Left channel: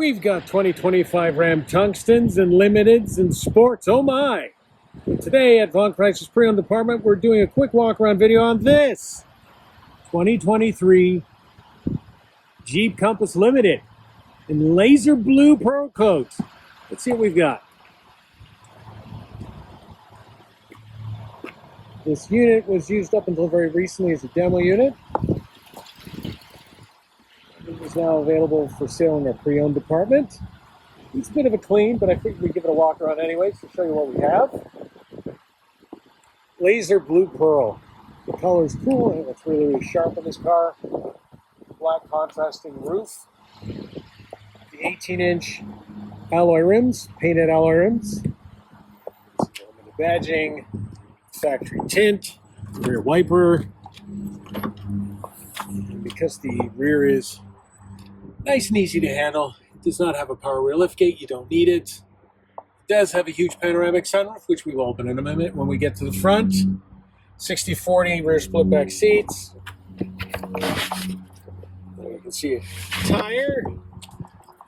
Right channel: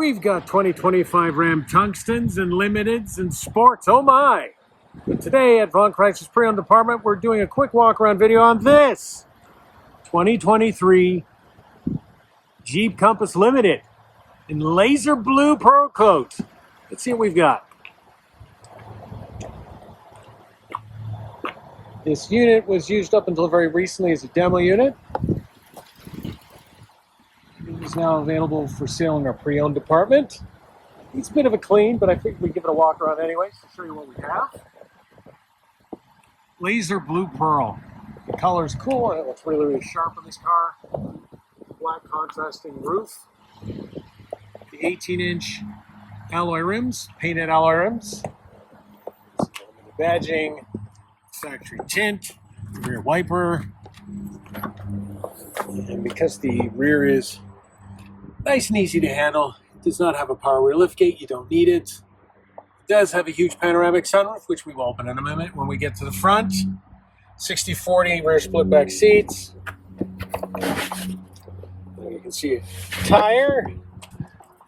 We've got 2025 Ram Tungstens and Limiteds and Sports. Oh my! Today at Vaughan Chrysler's pre-owned department, we're doing a quick walk-around video on this 2023 Jeep Compass Limited in laser blue pearl coat. Let's see what we've got. This unit was used up until very recently as a demo unit. It's now available for sale in our pre-owned department. It's a bit of a clean, but I figured we'd give it a walk around anyways to show you what we have. Laser blue pearl. The color is cool and it looks really, really sharp on this car. Black contrasting roof. The 18-inch alloy rims, painted alloy rims. The badging, factory tint, rear wiper. And because the rear is nice and easy to handle, it does not have a power rear liftgate, you don't need it. It does have a huge panoramic sunroof, which we will open in a minute when we get to the front. 60/40 rear split back seats. There you can see a tire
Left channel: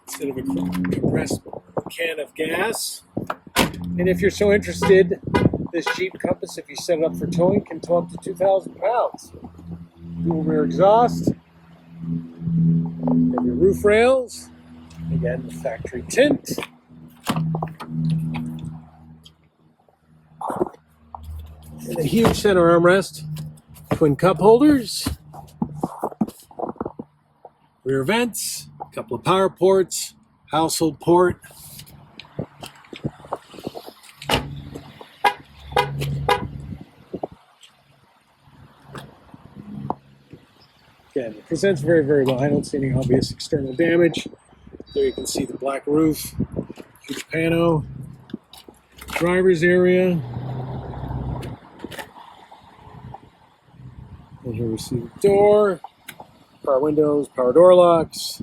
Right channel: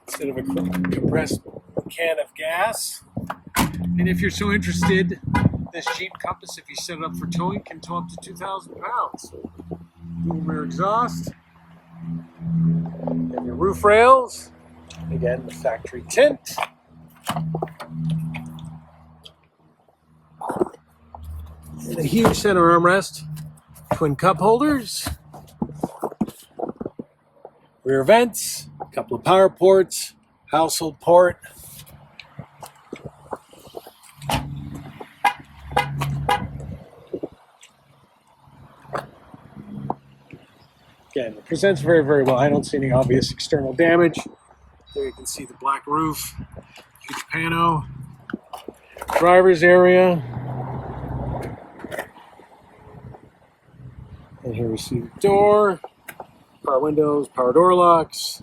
instead of a compressed can of gas. And if you're so interested, this Jeep Compass, if you set it up for towing, can tow up to 2,000 pounds. Dual rear exhaust. And your roof rails. Again, the factory tint. And a huge center armrest. Twin cup holders. Rear vents. A couple of power ports. Household port. Again, it presents very, very well. I don't see any obvious external damage. There you can see the black roof, huge pano, driver's area. And here we see the door, power windows, power door locks,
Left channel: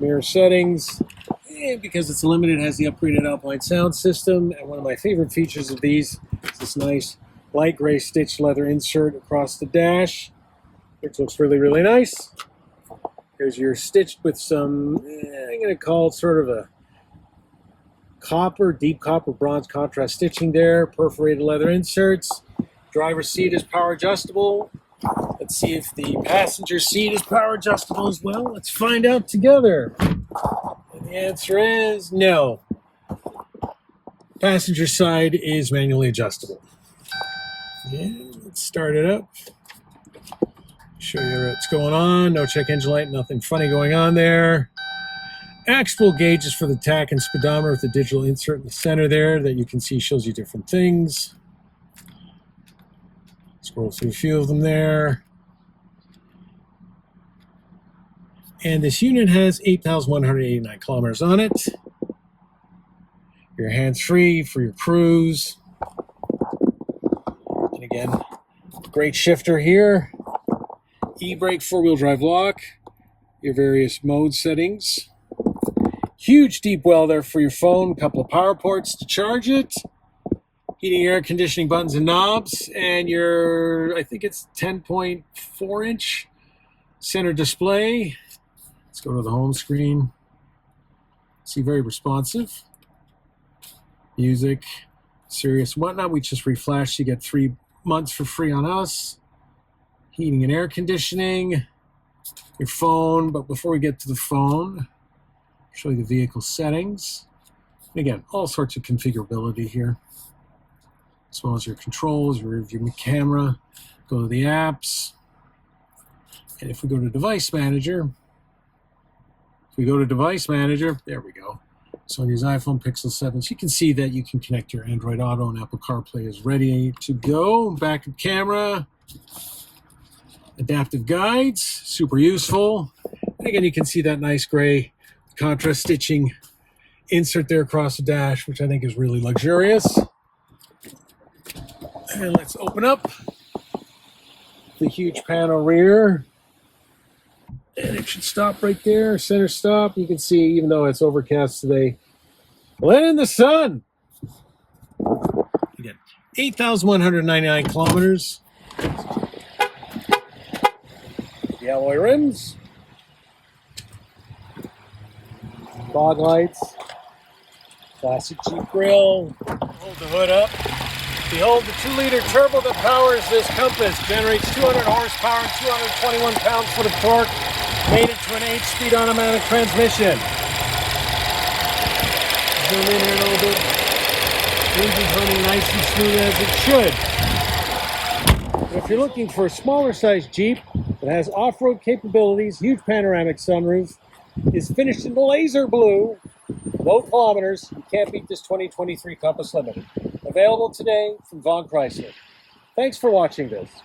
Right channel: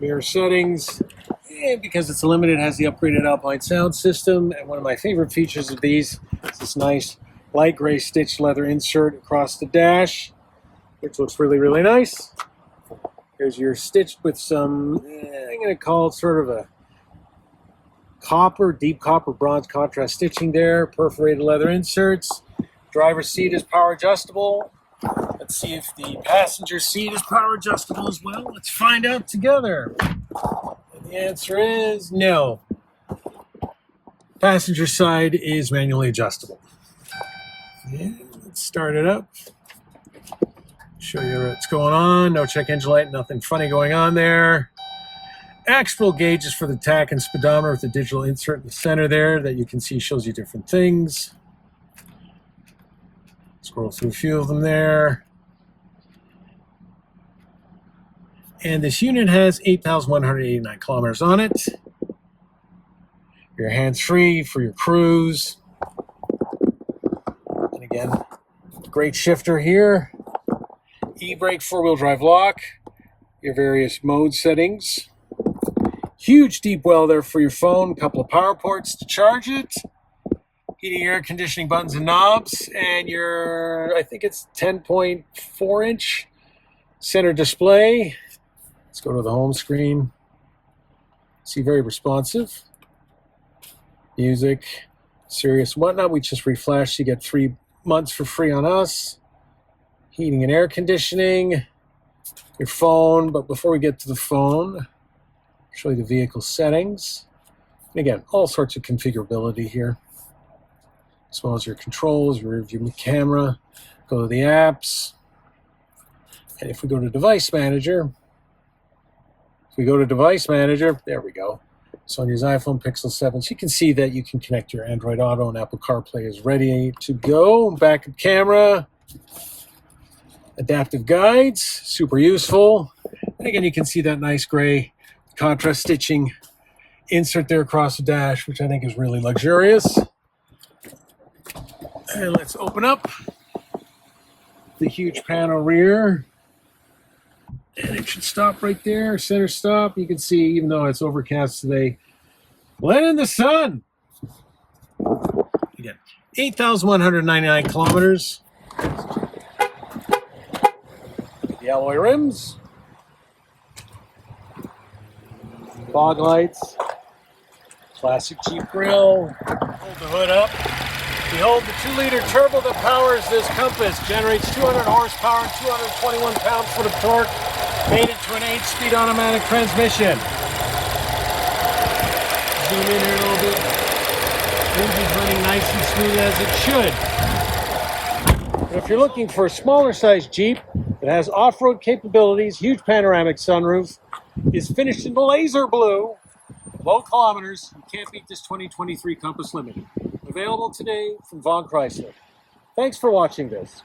mirror settings. And because it's limited, it has the upgraded Alpine sound system. And one of my favorite features of these is this nice light gray stitched leather insert across the dash, which looks really, really nice. Because you're stitched with some, I'm going to call it sort of a copper, deep copper bronze contrast stitching there, perforated leather inserts. Driver's seat is power adjustable. Let's see if the passenger seat is power adjustable as well. Let's find out together. And the answer is no. Passenger side is manually adjustable. And let's start it up. Show you what's going on. No check engine light, nothing funny going on there. Actual gauges for the tach and speedometer with the digital insert in the center there that you can see shows you different things. Scroll through a few of them there. And this unit has 8,189 kilometers on it. You're hands-free for your cruise. And again, great shifter here. E-brake four-wheel drive lock, your various mode settings. Huge deep well there for your phone, a couple of power ports to charge it. Heating, air conditioning buttons and knobs, and your, I think it's 10.4-inch center display. Let's go to the home screen. See, very responsive. Music, Sirius, whatnot. We just reflashed. You get 3 months for free on us. Heating and air conditioning, your phone. But before we get to the phone, I'll show you the vehicle settings. And again, all sorts of configurability here, as well as your controls, your rear view camera. Go to the apps. And if we go to Device Manager, there we go. So on these iPhone Pixel 7s, you can see that you can connect your Android Auto and Apple CarPlay is ready to go. Backup camera. Adaptive guides, super useful. And again, you can see that nice gray contrast stitching insert there across the dash, which I think is really luxurious. And let's open up the huge panel rear. And it should stop right there, center stop. You can see, even though it's overcast today, let in the sun. Again, 8,199 kilometers. The alloy rims. Fog lights. Classic Jeep grille. Pull the hood up. Behold, the 2-liter turbo that powers this Compass generates 200 horsepower, 221 pounds-foot of torque, made it to an 8-speed automatic transmission. Engine's running nice and smooth as it should. And if you're looking for a smaller size Jeep that has off-road capabilities, huge panoramic sunroof, is finished in laser blue, low kilometers, you can't beat this 2023 Compass Limited. Available today from Vaughan Chrysler. Thanks for watching this.